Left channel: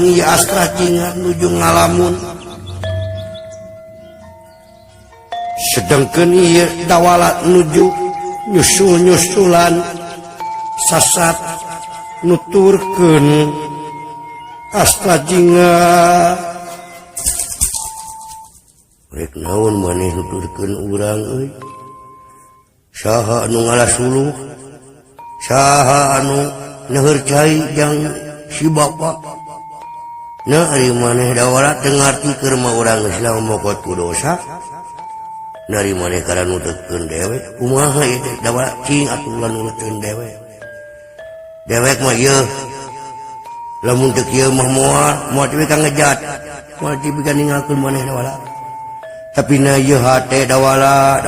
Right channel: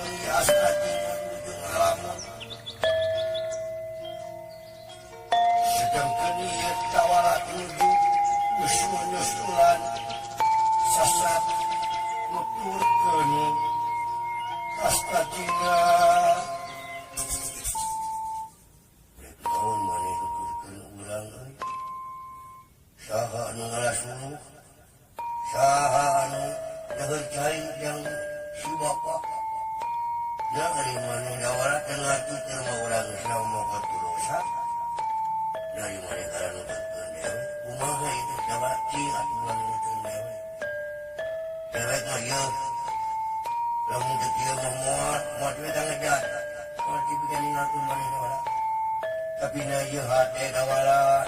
lamun ieu Astra Cinga nuju ngalamun sedengkeun ieu Dawala nuju nyusul-nyusulan sasat nuturkeun Astra Cinga rek naon maneh nuturkeun urang euy saha anu ngalasuluh saha anu neueur cai jang si bapa na ari maneh Dawala teu ngarti keur mah urang geus ngomokot ku dosa nari maneh kana nuturkeun dewe kumaha ieu teh Dawala cing atuh ulah nuturkeun dewe dewek mah ieu lamun teu kieu mah moal teh ka ngejat moal teh bisa ninggalkeun maneh Dawala tapi na ieu hate Dawala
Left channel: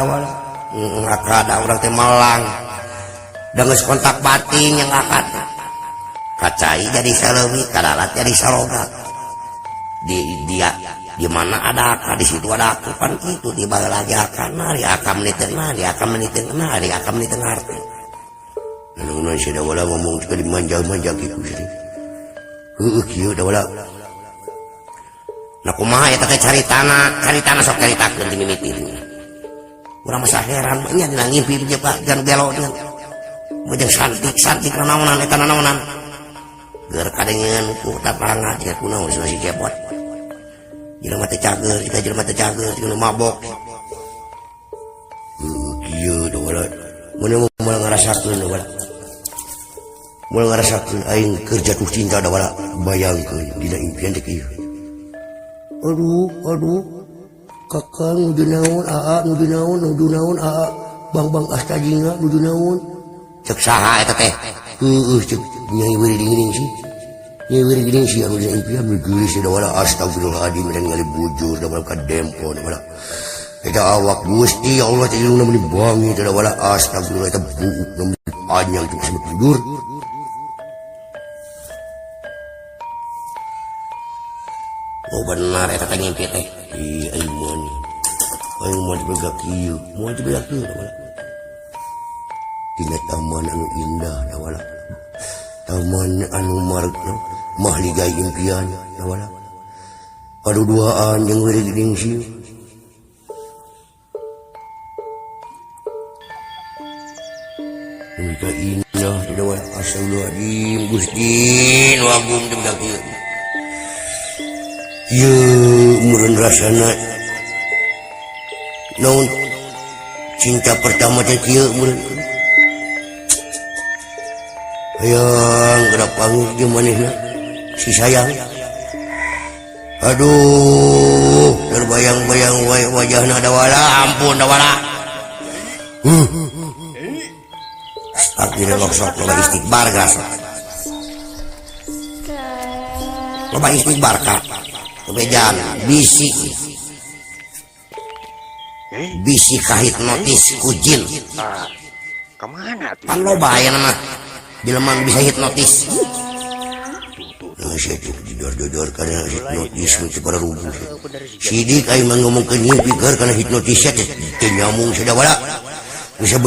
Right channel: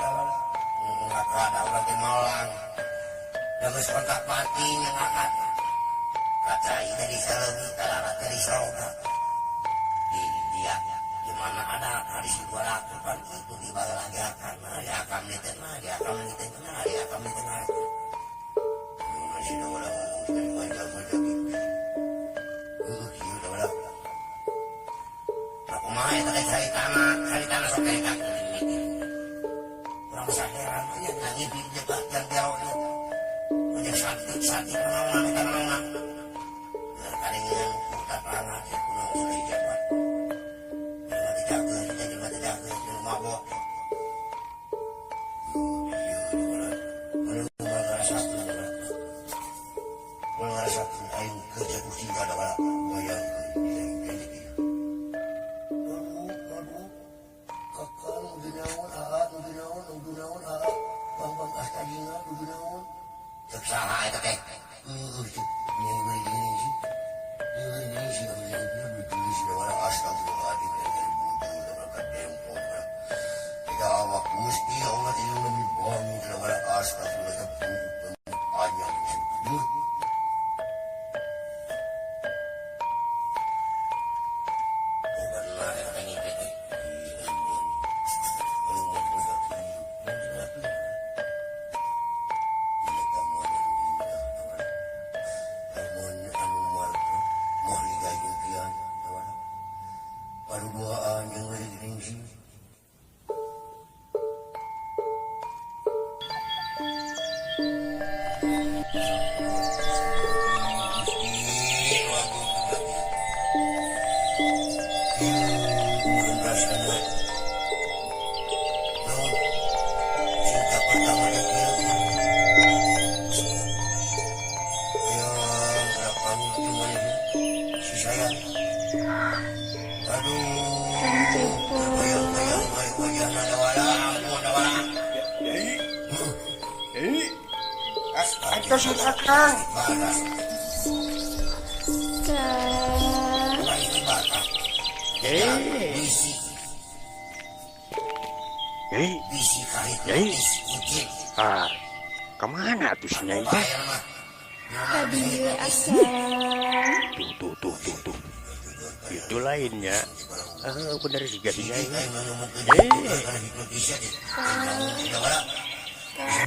akad urang teh malang da geus kontak batin yang akad kacai jadi saleuwit kadarat jadi saloga di mana ada akad di situ ada aku kan itu di baheula lagi akad di akam niteuna di akam niteuna di akam niteuna arti anu si Dawala ngomong juga di manja-manja kitu sih kieu Dawala nah kumaha eta teh caritana sok caritakeun di mimiti urang mah heran nya dina ngimpi jeung Pak jan belo jeung mujeng santik naonan eta naonan geur kadengeun ku taparangan jeung kunaon si cepot jelema teh cager juga jelema teh cager jeung mabok kieu Dawala mun moal ngarasakeun Dawala moal ngarasakeun aing keur jatuh cinta Dawala bayangkeun dina impian teh kieu aduh kakang nuju naon aa nuju naon aa bang Astra Cinga nuju naon cek saha eta teh cek nyai wiri geuning sih anu dina impian geus si Dawala astagfirullahaladzim dan ngali bujur Dawala ka dempo Dawala eta awak Gusti Allah teh iluna meni bangi teh Dawala astagfirullah eta buuk namun panjang teh sampai tidur oh benar eta teh ngimpi teh aing mau dibaga kieu dina taman anu indah Dawala taman anu marga mahligai impian Dawala paduduaan jeung wiri geuning sih Unta indah Dawala astagfirullahaladzim Gusti nu agung teh budak kieu ieu meureun rasana naon cinta pertama teh kieu meureun hayang gerak panggih di manehna si sayang aduh terbayang-bayang wajahna Dawala ampun Dawala akhirnya sok istighbar gas coba istighbar kak kebejan bisi kahit notis kujin kemana tuh? Kan lo bahaya mah jelema bisa hipnotis. Tuh siapa didor karena hipnotis itu pada rubuh. Sidik aing ngomong ke nyi pikir karena hipnotisnya teh nyamung si Dawala. Bisa